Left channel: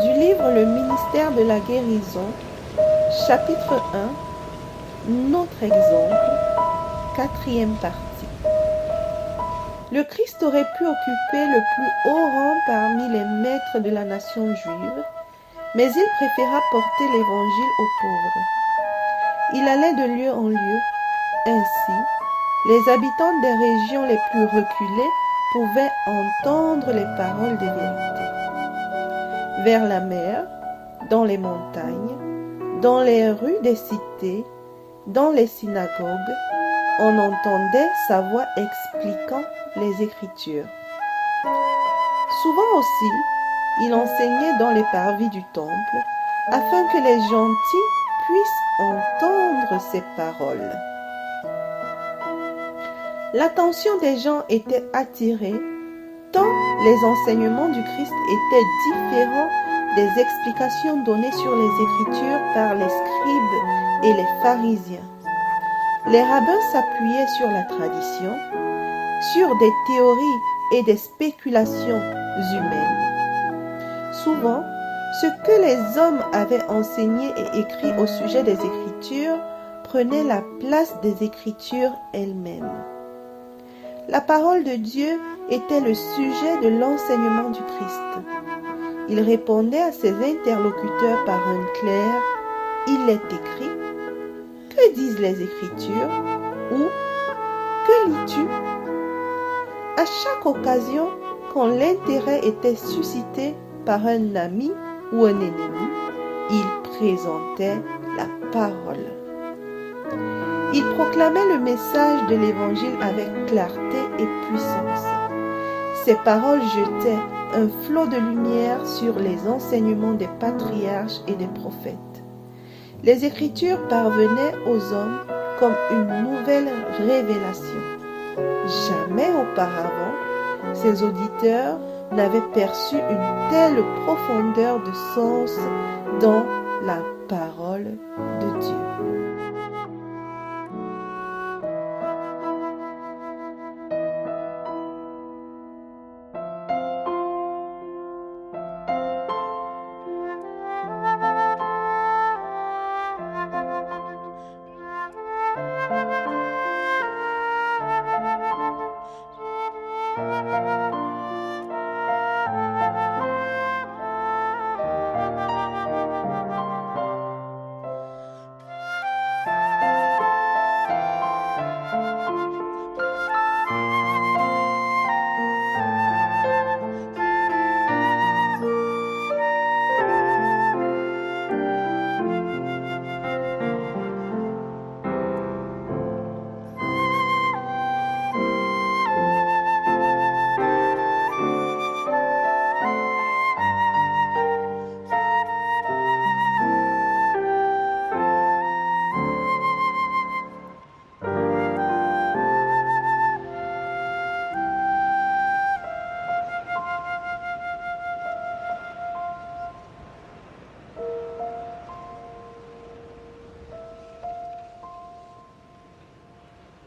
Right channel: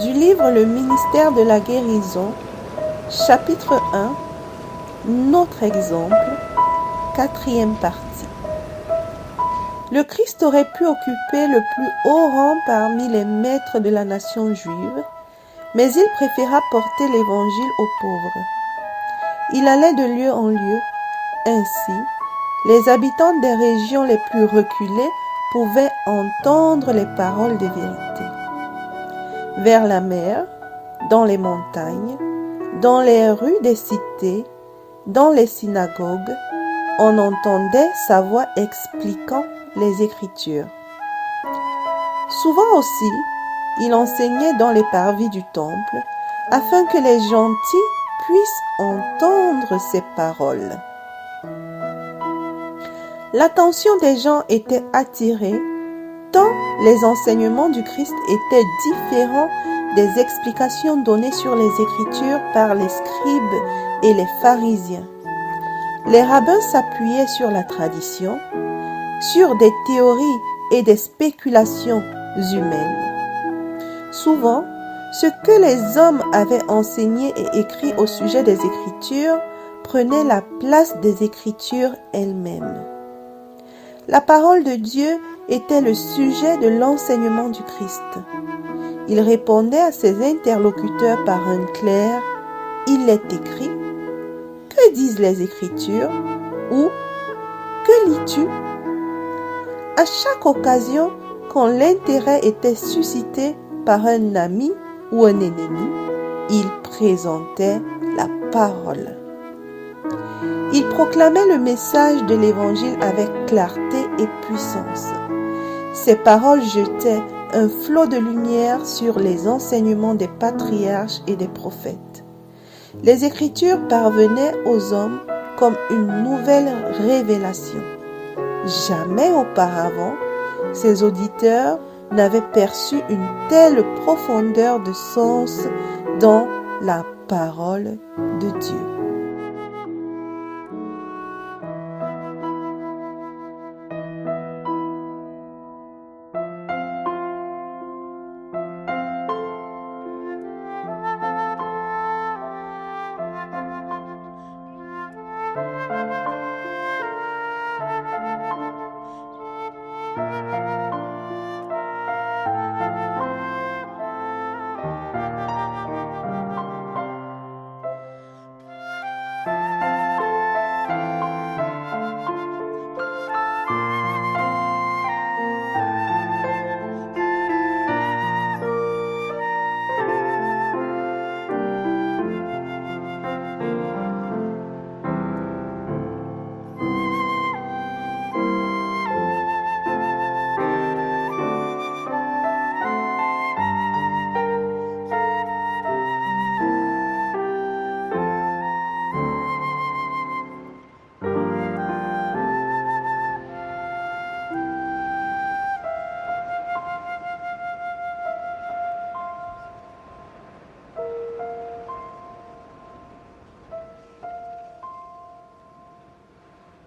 Du livre Le ministère de la guérison, chapitre 1, notre exemple, 4e partie. Le Christ aurait pu occuper le plus haut rang parmi les maîtres de la nation juive, mais il préféra porter l'évangile aux pauvres. Il allait de lieu en lieu. Ainsi, les habitants des régions les plus reculées pouvaient entendre les paroles de vérité. Vers la mer, dans les montagnes, dans les rues des cités, dans les synagogues, on entendait sa voix expliquant les Écritures. Souvent aussi, il enseignait dans les parvis du temple, afin que les gentils puissent entendre ses paroles. L'attention des gens était attirée, tant les enseignements du Christ étaient différents des explications données sur les Écritures par les scribes et les pharisiens. Les rabbins s'appuyaient sur la tradition, sur des théories et des spéculations humaines. Souvent, ce que les hommes avaient enseigné et écrit au sujet des Écritures prenait la place des Écritures elles-mêmes. La parole de Dieu était le sujet de l'enseignement du Christ. Il répondait à ses interlocuteurs par un clair « Il est écrit ». Que disent les Écritures? Ou que lis-tu? À chaque occasion, quand l'intérêt était suscité par un ami ou un ennemi, il présentait la parole. Il proclamait le message de l'Évangile avec clarté et puissance. Ses paroles jetaient un flot de lumière sur les enseignements des patriarches et des prophètes. Les Écritures parvenaient aux hommes comme une nouvelle révélation. Jamais auparavant, ses auditeurs n'avaient perçu une telle profondeur de sens dans la parole de Dieu.